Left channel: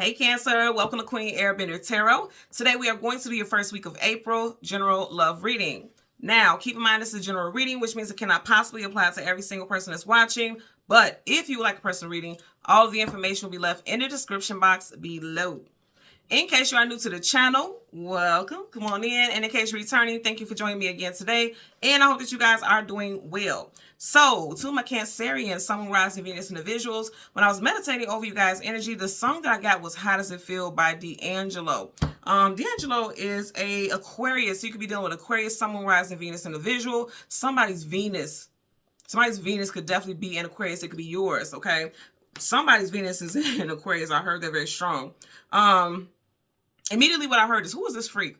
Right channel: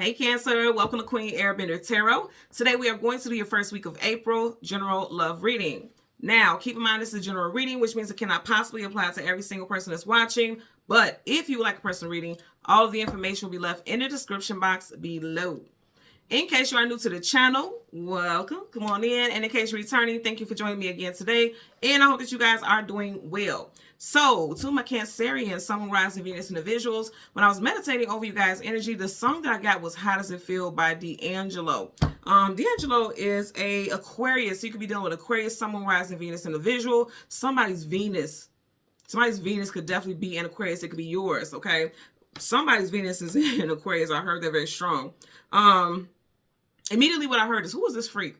Hey Cancer, welcome to Queen Airbender Tarot. Today we are going to do your first week of April general love reading. Now, keep in mind this is a general reading, which means it cannot possibly apply to every single person that's watching. But if you would like a personal reading, all of the information will be left in the description box below. In case you are new to the channel, welcome. Come on in. And in case you're returning, thank you for joining me again today. And I hope that you guys are doing well. So, to my Cancerian, Sun, Rising, Venus, individuals, when I was meditating over you guys' energy, the song that I got was How Does It Feel by D'Angelo. D'Angelo is a Aquarius. So you could be dealing with Aquarius, Sun, Rising, Venus, individual. Somebody's Venus could definitely be in Aquarius. It could be yours, okay? Somebody's Venus is in Aquarius. I heard that very strong. Immediately what I heard is, who is this freak?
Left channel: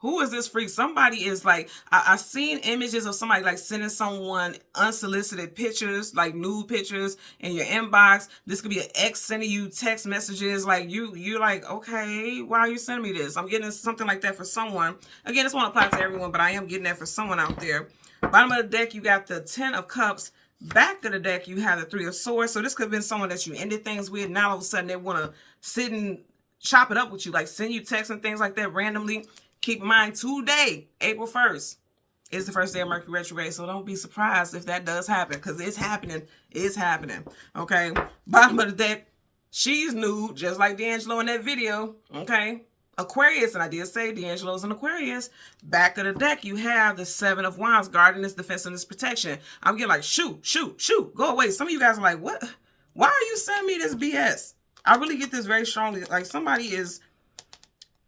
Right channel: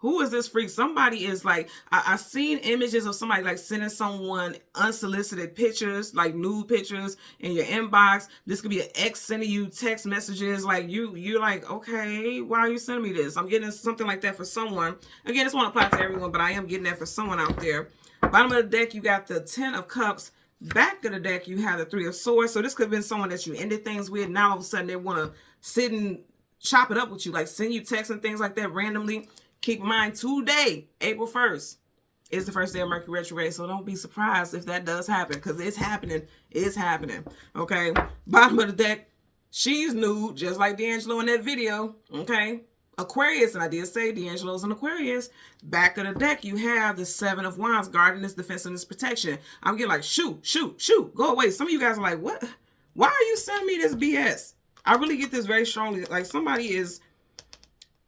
Who is this freak? Somebody is like, I've seen images of somebody like sending someone unsolicited pictures, like nude pictures in your inbox. This could be an ex sending you text messages. Like you're like, okay, why are you sending me this? I'm getting something like that for someone. Again, this won't apply to everyone, but I am getting that for someone out there. Bottom of the deck, you got the 10 of Cups. Back of the deck, you have the 3 of Swords. So this could have been someone that you ended things with. Now all of a sudden they want to sit and chop it up with you, like send you texts and things like that randomly. Keep in mind, today, April 1st, is the first day of Mercury retrograde, so don't be surprised if that does happen, because it's happening. It's happening, okay? Bottom of the deck, she's nude, just like D'Angelo in that video, okay? Aquarius, and I did say D'Angelo's an Aquarius. Back of the deck, you have the 7 of Wands, guarding defense, and protection. I'm getting like, shoot, go away. Some of you guys are like, what? Why are you sending me this BS? I really get this very strongly. Like somebody is,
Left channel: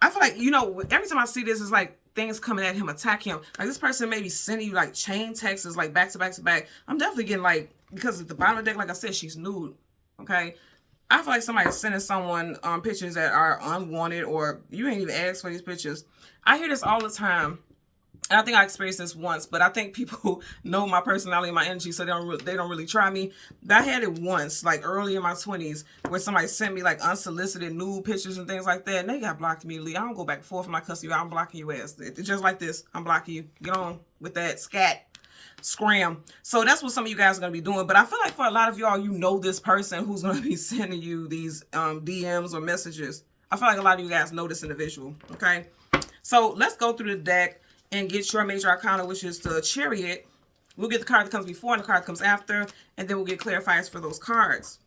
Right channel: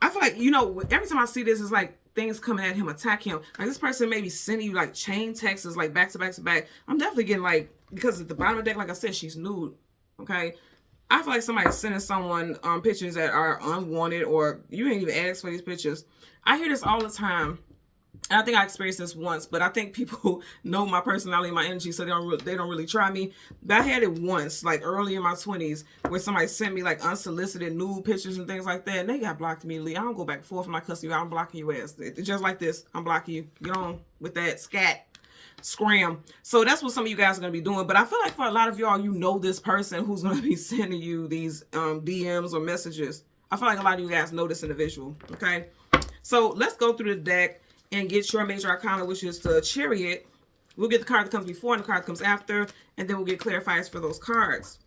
I feel like, you know, every time I see this, it's like things coming at him, attack him. Like this person may be sending you like chain texts, like back to back to back. I'm definitely getting like, because at the bottom of the deck, like I said, she's nude. Okay. I feel like somebody's sending someone pictures that are unwanted, or you ain't even asked for these pictures. I hear this all the time. And I think I experienced this once, but I think people know my personality and my energy, so they don't really try me. But I had it once, like early in my 20s, where somebody sent me like unsolicited nude pictures and things like that, and they got blocked immediately. I don't go back and forth with my customer. I'm blocking your ass. It's just like this. I'm blocking you. Get on with that scat. Scram. So that's what some of you guys are going to be doing. But I feel like for a lot of y'all, you know this person who's going to be sending you these DMs or messages. I feel like a lot of you guys know this individual. Okay. So let's go through the deck and get your major arcana, which is the Chariot. We'll get the card that comes before and the card that comes after, and then we'll get clarifiers for those cards.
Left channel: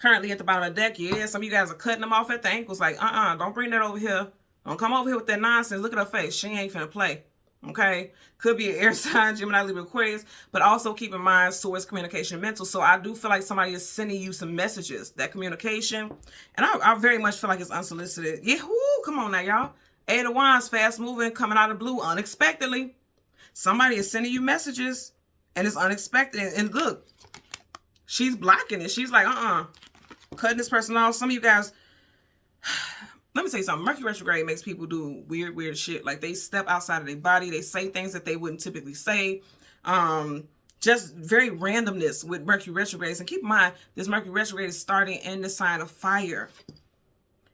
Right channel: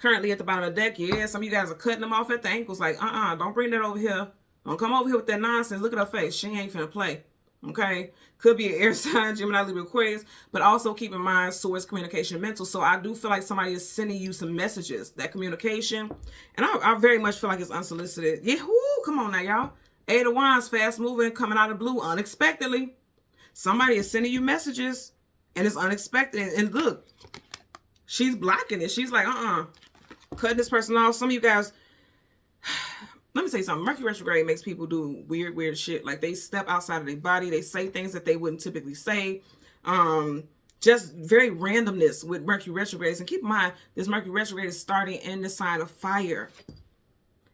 Currently at the bottom of the deck, yeah, some of you guys are cutting them off at the ankles, like, don't bring that over here. Don't come over here with that nonsense. Look at her face. She ain't finna play, okay? Could be an air sign, Gemini, Libra, Aquarius, but also keep in mind, source, communication, mental. So I do feel like somebody is sending you some messages, that communication, and I very much feel like it's unsolicited. Yeah, whoo, come on now, y'all. 8 of Wands, fast moving, coming out of the blue unexpectedly. Somebody is sending you messages and it's unexpected. And look, she's blocking it. She's like, cutting this person off. Some of you guys, let me tell you something. Mercury retrograde makes people do weird shit. Like they step outside of their body. They say things that they wouldn't typically say. Just very randomness with Mercury retrogrades. And keep in mind, this Mercury retrograde is starting in the sign of fire.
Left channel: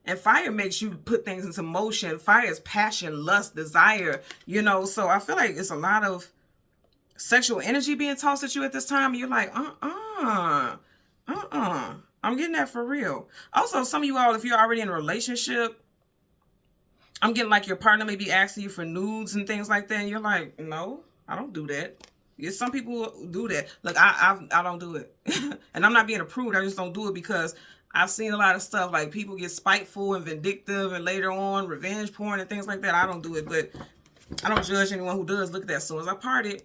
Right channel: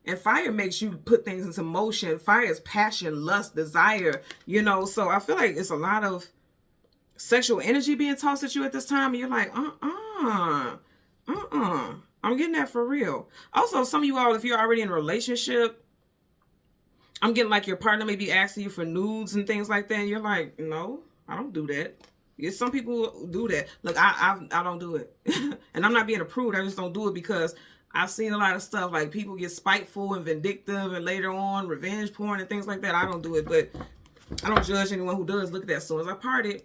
And fire makes you put things into motion. Fire is passion, lust, desire, you know. So I feel like it's a lot of sexual energy being tossed at you at this time. And you're like, I'm getting that for real. Also, some of you all, if you're already in a relationship, I'm getting like your partner may be asking you for nudes and things like that. And you're like, no, I don't do that. Yeah, some people do that. Look, I don't do it. And I'm not being a prude. I just don't do it because I've seen a lot of stuff like people get spiteful and vindictive and later on revenge porn and things like that. I don't do it, but I don't judge anyone who does. Look at that. So as I parted,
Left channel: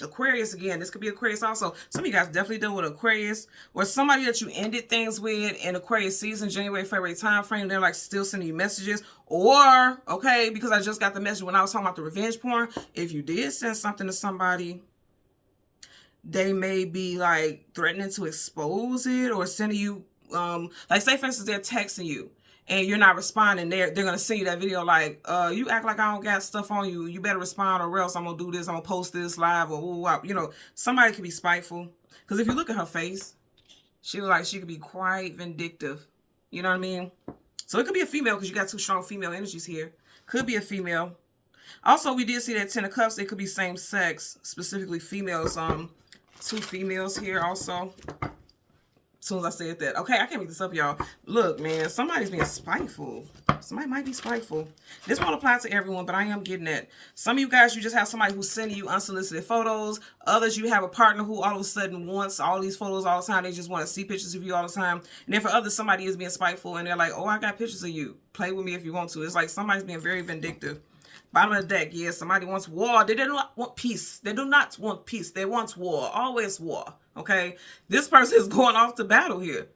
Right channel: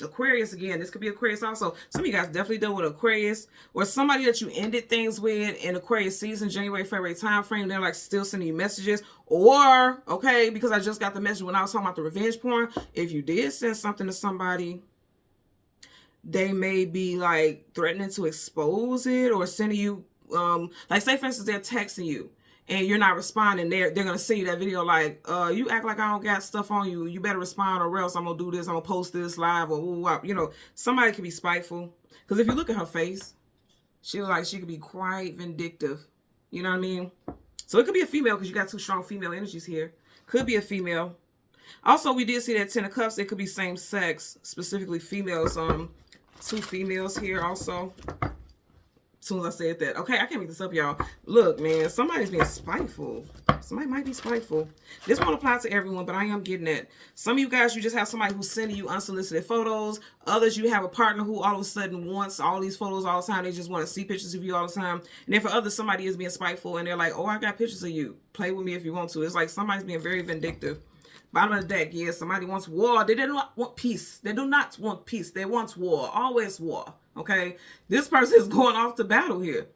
Aquarius again, this could be Aquarius also. Some of you guys definitely deal with Aquarius or somebody that you ended things with in Aquarius season, January, February time frame. They're like still sending you messages, or, okay, because I just got the message when I was talking about the revenge porn. If you did send something to somebody, they may be like threatening to expose it or sending you, like say for instance, they're texting you and you're not responding. They're gonna send you that video like, you act like I don't got stuff on you. You better respond or else I'm gonna do this. I'm gonna post this live or you know, somebody can be spiteful. Because if you look at her face, she was like she could be quite vindictive. You know what I mean? So it could be a female because you got 2 strong female energies here. Could be a female. Also, we did see that 10 of Cups. It could be same sex, specifically females. 2 females here also. As soon as I said that. Okay, I can't make this up, y'all. Look, man, somebody's being spiteful. Somebody might be spiteful. This won't apply to everyone, but I am getting that. Some of you guys, you just have somebody who's sending you unsolicited photos. Others, you have a partner who all of a sudden wants all these photos all the time. They just want to see pictures of you all the time. And then for others, somebody is being spiteful and they're like, oh, I got pictures of you. Play with me if you want to. It's like somebody's being very vindictive. Bottom of the deck, yeah, somebody wants war. They do not want peace. They do not want peace. They want war. Always war. Okay? This person is going off to battle here.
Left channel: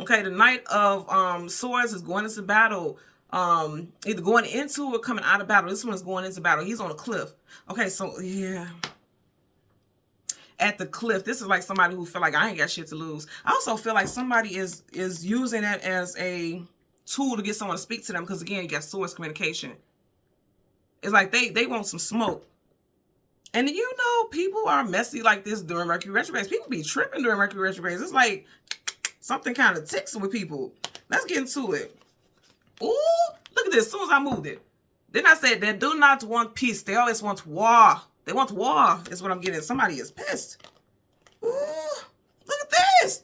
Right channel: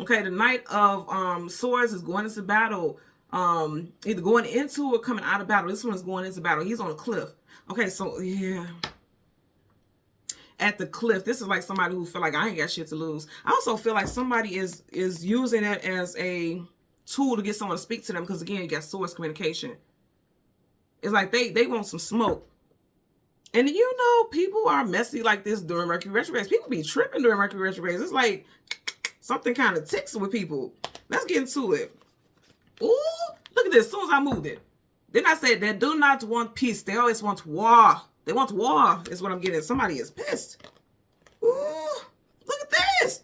Okay? The Knight of Swords is going into battle. Either going into or coming out of battle. This one is going into battle. He's on a cliff. Okay, so, yeah. At the cliff, this is like somebody who feel like I ain't got shit to lose. I also feel like somebody is using it as a tool to get someone to speak to them because, again, you got source communication. It's like they want some smoke. And you know, people are messy like this during Mercury retrogrades. People be tripping during Mercury retrogrades. It's like something kind of ticks with people. Let's get into it. Ooh, look at this. As soon as I moved it. Then I said they do not want peace. They always want war. They want war is what I'm getting. Somebody is pissed. Ooh, look at this.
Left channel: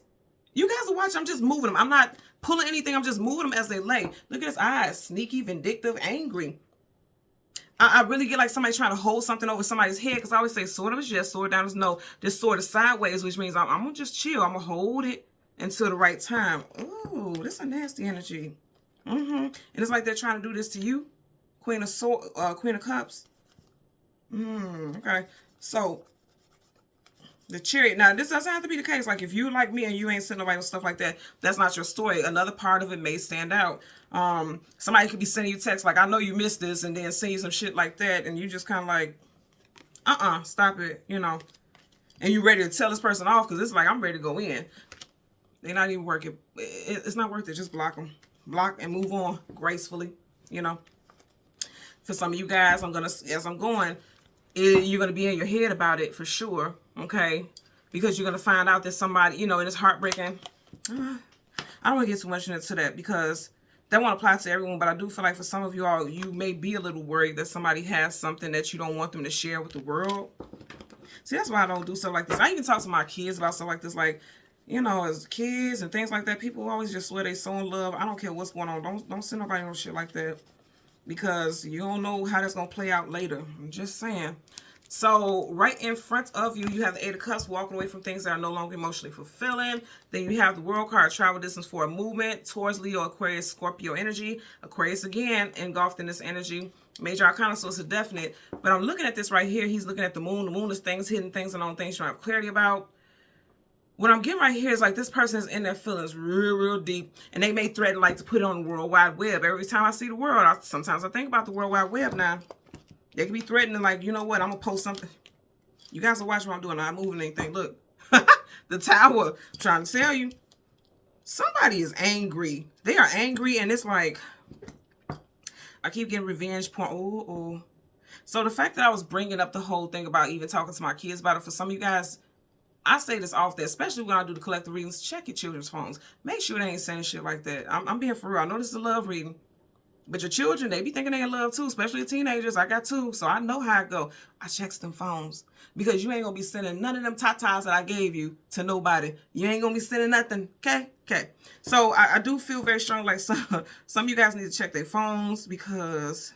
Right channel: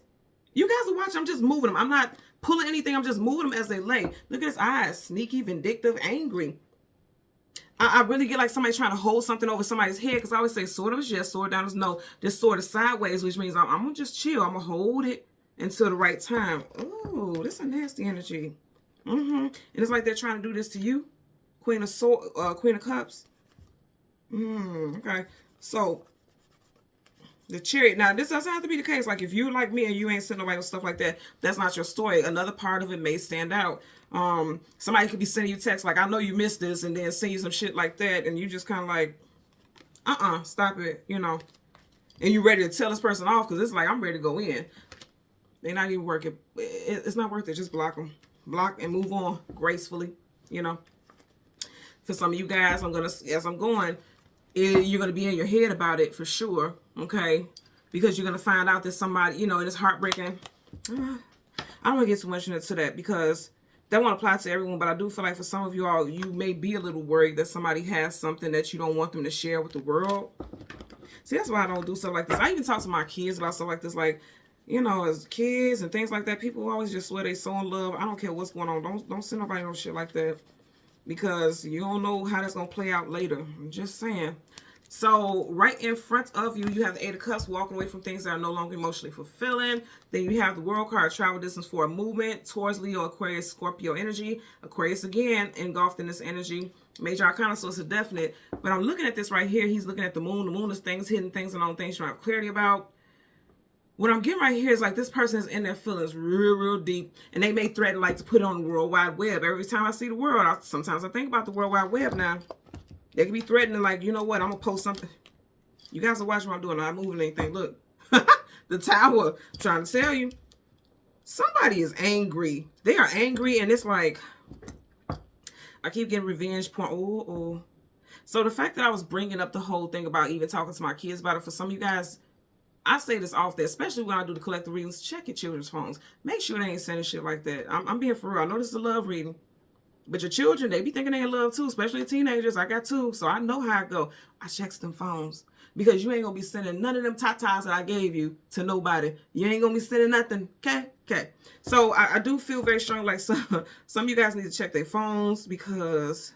You guys are watching. I'm just moving them. I'm not pulling anything. I'm just moving them as they lay. Look at his eyes. Sneaky, vindictive, angry. I really get like somebody trying to hold something over somebody's head because I always say sword is yes, sword down is no. This sword is sideways, which means I'm going to just chill. I'm going to hold it until the right time. Ooh, this is a nasty energy. And it's like they're trying to do this to you. Queen of Cups. Okay. So, the Chariot. Now, this doesn't have to be the case. Like, if you like me and you ain't sending nobody with stuff like that, that's not your story. Another part of it may stand out. Somebody could be sending you text like, I know you missed this, and then send you some shit like that, and you just kind of like, stop it, you know. And you ready to tell this person off because it's like, I'm ready to go in. They're not even working. It's not worth it. Just block them. Block and move on gracefully, you know. For some of you guys, as I'm going, you're going to be in your head about it for sure, okay? Because you're going to find out that somebody, you know, and it's heartbreaking. I don't want to get too much into that because that won't apply to everyone, but I do feel like for some of you all, you may be a little worried that somebody has something that you don't want them to share with the world. See, that's why I don't do stuff like this. I even talk to my kids about stuff like this, like, you know, as kids and things like that. People always just swear they so in love. I don't care what's going on. Don't send nobody no shit like that because you don't know how that's going to play out later. I'm just saying. So right in front of you, you have the Eight of Cups, walking away from things that are no longer emotionally fulfilling. Then you have the World card, travel distance for a movement towards Leo, Aquarius, Scorpio energy. Aquarius again engulfed in this energy. Major Arcana, so it's a definite. But I'm looking at this right here. He's looking at the moon. The moon is things, hidden things, and all things trying to have clarity about. What I'm getting right here is like this person is in their feelings real deep, and they may threaten like to put it on the World Wide Web. Every time I see the world, sometimes I think about the World Wide Web now. They can be threatening like, you know what, I'm going to post something. You guys are watching what I'm doing. I'm not moving anything. Look, the Tower. I'm trying to tell you. Somebody is angry. They are angry, and it's like, I keep getting revenge porn. Oh. So the fact that I was bringing up the whole thing about even talking to my kids about it, for some of you guys, I say this often, especially when I do the collective readings, check your children's phones. Make sure they ain't sending shit like that. I'm being for real. I know this is a love reading. But your children, they be thinking they in love too, especially teenagers. I got two, so I know how it go. I checks them phones. Because you ain't going to be sending none of them tatas that I gave you to nobody. You ain't going to be sending nothing, okay? Okay. So I do feel very strong like some of you guys need to check their phones because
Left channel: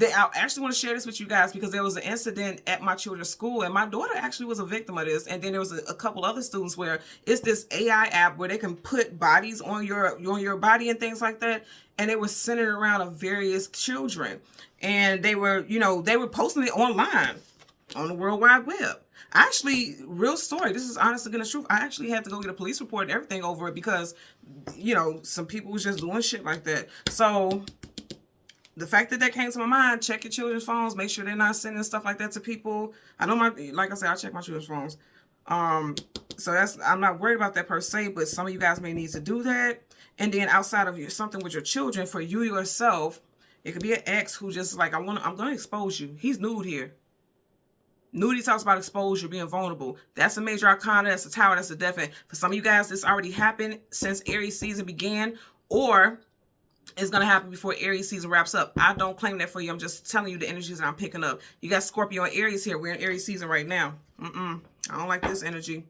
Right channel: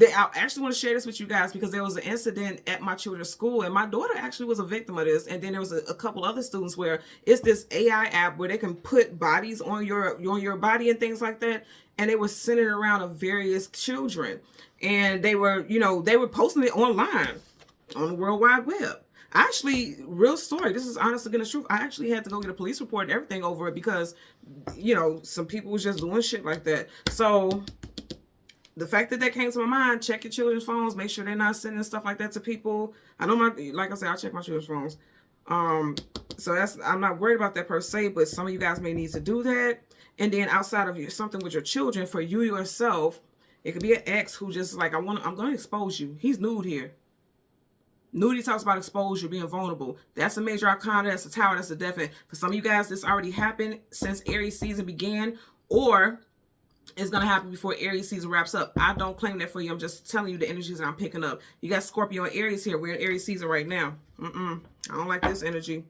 I actually want to share this with you guys because there was an incident at my children's school and my daughter actually was a victim of this. And then there was a couple other students where it's this AI app where they can put bodies on your body and things like that. And they were centered around of various children. And they were, you know, they were posting it online on the World Wide Web. Actually, real story. This is honest to goodness truth. I actually had to go get a police report and everything over it because, you know, some people was just doing shit like that. So the fact that came to my mind, check your children's phones. Make sure they're not sending stuff like that to people. I know like I said, I check my children's phones. So I'm not worried about that per se, but some of you guys may need to do that. And then outside of something with your children, for you yourself, it could be an ex who just like, I'm going to expose you. He's nude here. Nudity talks about exposure, being vulnerable. That's a major arcana. That's a Tower. That's a definite. For some of you guys, this already happened since Aries season began, or it's going to happen before Aries season wraps up. I don't claim that for you. I'm just telling you the energies that I'm picking up. You got Scorpio and Aries here. We're in Aries season right now. I don't like this energy.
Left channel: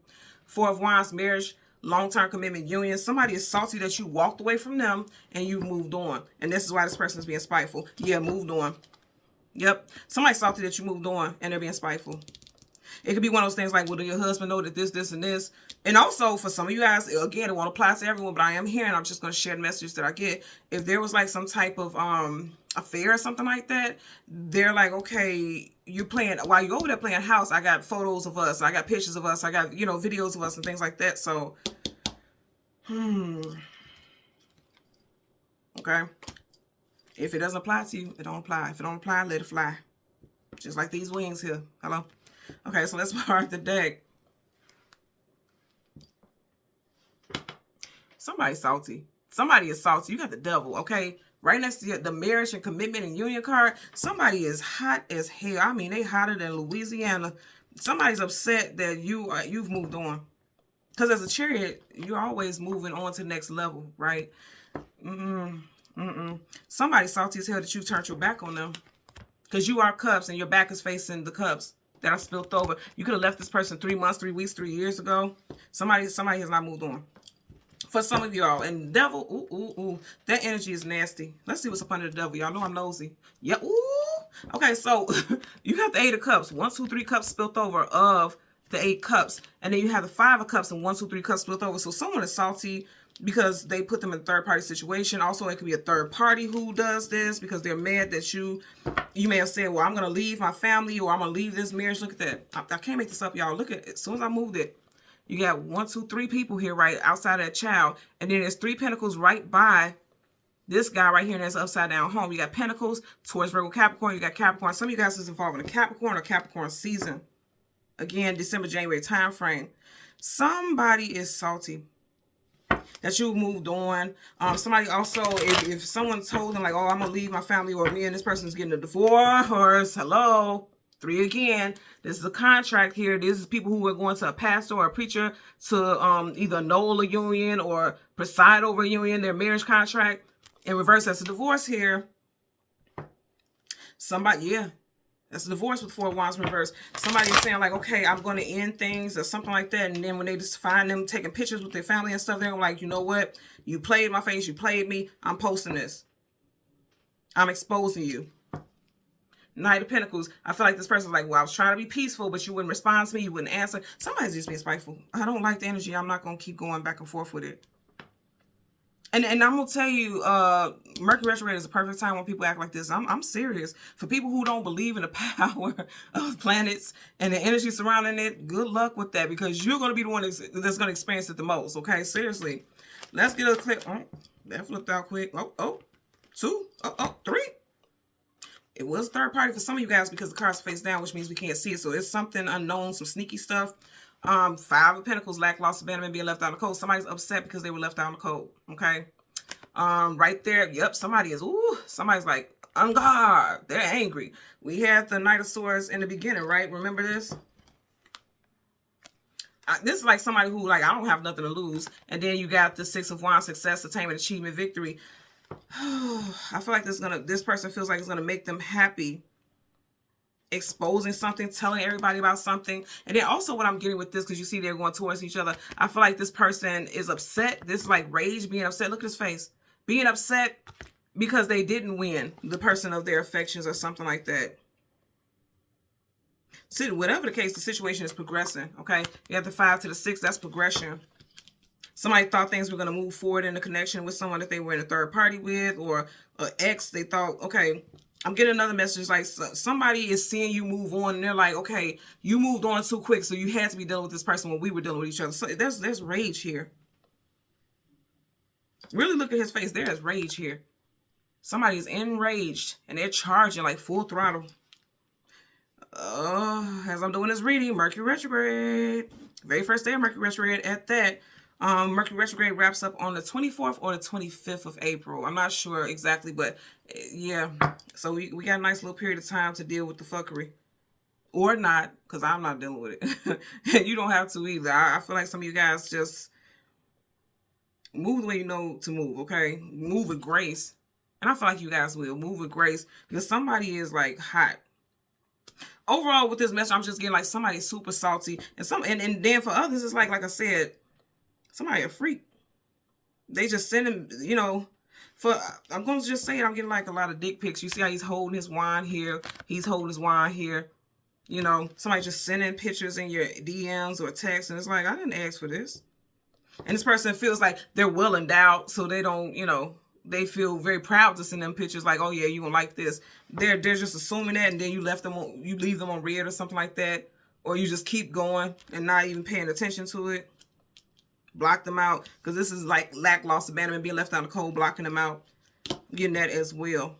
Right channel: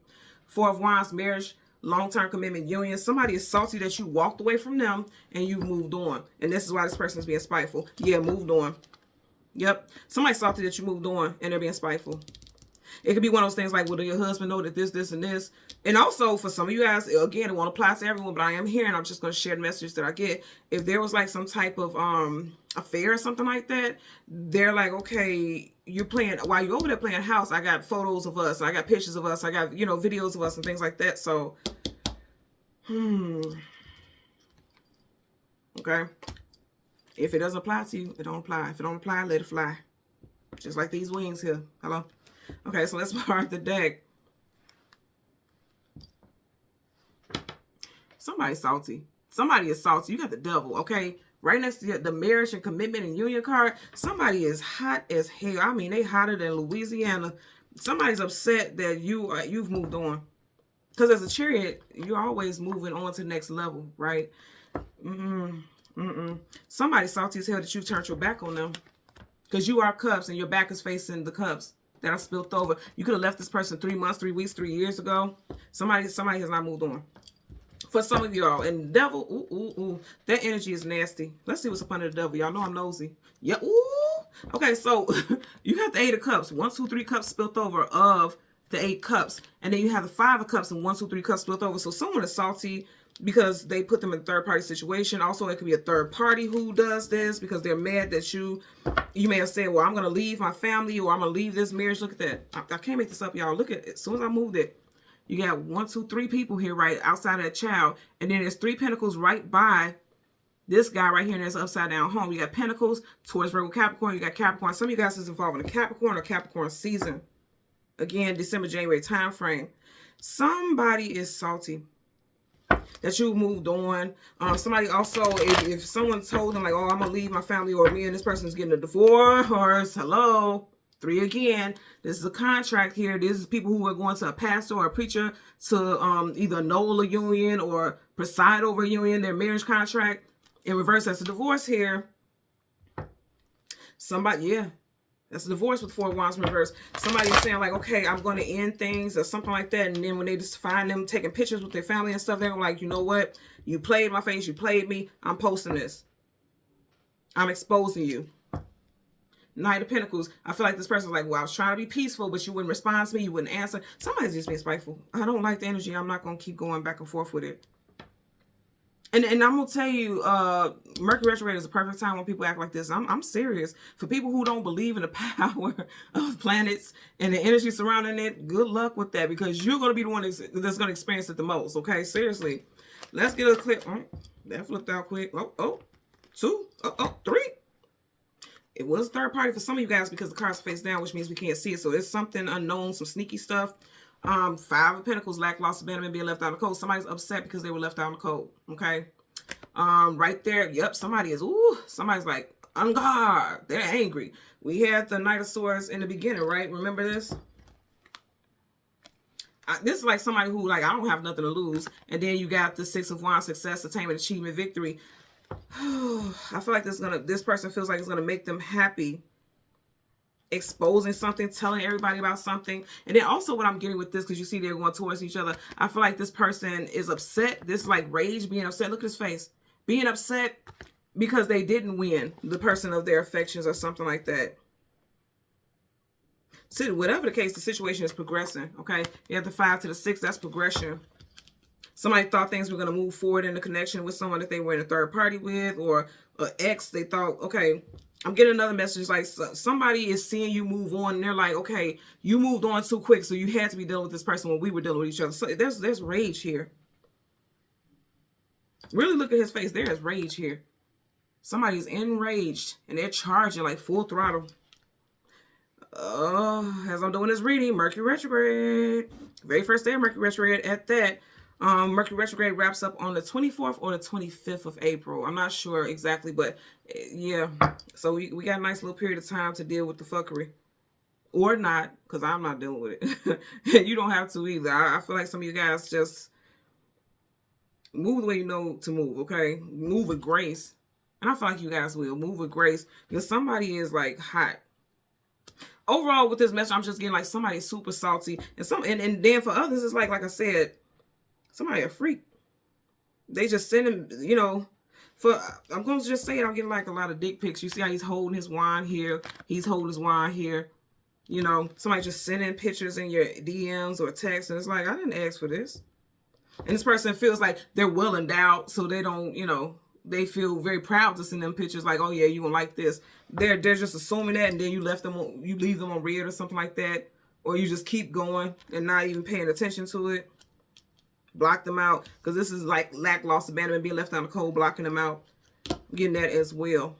Four of Wands, marriage. long-term commitment union. Somebody is salty that you walked away from them and you moved on. And this is why this person is being spiteful. Yeah, moved on. Yep. Somebody's salty that you moved on and they're being spiteful. It could be one of those things like, well, do your husband know that this, and this? And also, for some of you guys, again, it won't apply to everyone, but I am here, and I'm just going to share the messages that I get. If there was, like, some type of affair or something like that, they're like, okay, you're playing, while you're over there playing house, I got photos of us, I got pictures of us, I got, you know, videos of us and things like that. So, okay. If it doesn't apply to you, it don't apply. If it don't apply, let it fly. Just like these wings here. Hello? Okay, so let's mark the deck. Somebody's salty. Somebody is salty. You got the devil, okay? Right next to the marriage and commitment and union card, somebody is hot as hell. I mean, they hotter than Louisiana. Somebody's upset that you've moved on. Because as a chariot, you're always moving on to the next level, right? Somebody's salty as hell that you turned your back on them. Because you are cups and your back is facing the cups that are spilled over. You could have left this person 3 months, 3 weeks, 3 years ago. Somebody has not moved on. For some of y'all. And devil, that energy is nasty. Let's see what's up under the devil. Y'all know I'm nosy. Yeah, Okay, so you have the 8 of cups. 1, 2, 3 cups spilled over of the 8 cups. And then you have the 5 of cups and 1, 2, 3 cups spilled over. So someone is salty because they put them in a third-party situation. Also, it could be a third party who does this because they're mad that you may have said, well, I'm going to leave my family or I'm going to leave this marriage. Look at that. I can't make this up, y'all. Look at it. As soon as I moved it, you got 1, 2, 3 people here right outside of that child. And then there's 3 pentacles right by this guy right here, and that's upside down home. You got pentacles towards Virgo, Capricorn. You got Capricorn. Some of you guys is involved in a Capricorn or Capricorn season. Again, December, January time frame. Somebody is salty that you moved on. Somebody also, if someone told them like, oh, I'm gonna leave my family, or me and this person is getting a divorce, hello, 3 again. This is a contract here. This is people who are going to a pastor or a preacher to either annul a union or preside over a union, their marriage contract. In reverse, that's a divorce here. Somebody, yeah. That's a divorce with 4 of Wands reverse. Somebody is saying like, okay, I'm going to end things or something like that. And then when they just find them taking pictures with their family and stuff, they're like, you know what? You played my face. You played me. I'm posting this. I'm exposing you. Knight of Pentacles. I feel like this person's like, well, I was trying to be peaceful, but you wouldn't respond to me. You wouldn't answer. Somebody's just being spiteful. I don't like the energy. I'm not going to keep going back and forth with it. And I'm going to tell you, Mercury retrograde is a perfect time when people act like this. I'm serious. For people who don't believe in the power of planets and the energy surrounding it, good luck with that, because you're going to be the one that's going to experience it the most, okay? Seriously. Let's get a clip. Oh, that flipped out quick. Oh, 2. Oh, 3. It was third party for some of you guys because the cards face down, which means we can't see it. So it's something unknown, some sneaky stuff. 5 of Pentacles, lack, loss, abandonment, being left out in the cold. Somebody's upset because they were left out in the cold. Okay. Right there. Yep. Somebody's like, on guard. They're angry. We had the Knight of Swords in the beginning, right? Remember this? This is like somebody who like, I don't have nothing to lose. And then you got the 6 of Wands, success, attainment, achievement, victory. I feel like this person feels like it's gonna make them happy. Exposing something, telling everybody about something. And then also what I'm getting with this, because you see they're going towards each other, I feel like this person is upset. This is like rage, being upset. Look at his face. Being upset because they didn't win the person of their affections or something like that. So whatever the case, the situation is progressing, okay? You have the 5 to the 6, that's progression. Somebody thought things were going to move forward in a connection with someone that they were in a third party with, or an ex. They thought, okay, I'm getting another message like somebody is seeing you move on and they're like, okay, you moved on too quick, so you had to be dealing with this person when we were dealing with each other. So there's rage here. Really look at his face. There is rage here. Somebody's enraged and they're charging like full throttle. As I'm doing this reading, Mercury retrograde. Very first day of Mercury retrograde at that. Mercury retrograde wraps up on the 24th or the 25th of April. I'm not sure exactly, but yeah. So we got a nice little period of time to deal with the fuckery. Or not, because I'm not dealing with it. And you don't have to either. I feel like some of you guys just move the way you know to move, okay? Move with grace. And I feel like you guys will. Move with grace. Because somebody is like hot. Overall, with this message, I'm just getting like somebody super salty. And then for others, it's like I said, Somebody a freak. They just send him, you know, I'm going to just say it, I'm getting like a lot of dick pics. You see how he's holding his wine here. He's holding his wine here. You know, somebody just sending pictures in your DMs or text, and it's like, I didn't ask for this. And this person feels like they're well endowed, so they don't, you know, they feel very proud to send them pictures like, oh yeah, you gonna like this. They're just assuming that, and then you leave them on red or something like that, or you just keep going and not even paying attention to it. Block them out, because this is like lackluster abandonment, being left out in the cold, blocking them out. Getting that as well.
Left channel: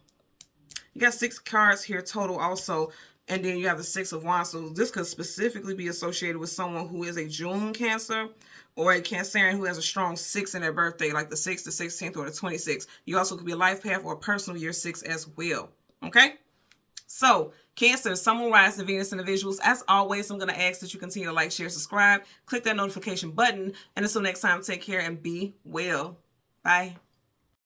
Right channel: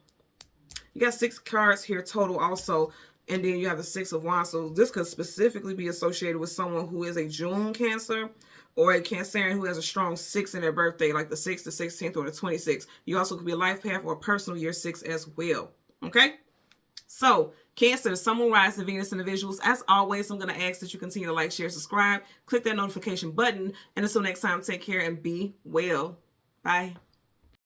You got 6 cards here total also, and then you have the 6 of Wands. So this could specifically be associated with someone who is a June Cancer, or a Cancerian who has a strong 6 in their birthday, like the 6th, the 16th, or the 26th. You also could be a life path or a personal year 6 as well. Okay? So, Cancer, Sun, Moon, Rising, Venus, individuals. As always, I'm going to ask that you continue to like, share, subscribe, click that notification button, and until next time, take care and be well. Bye.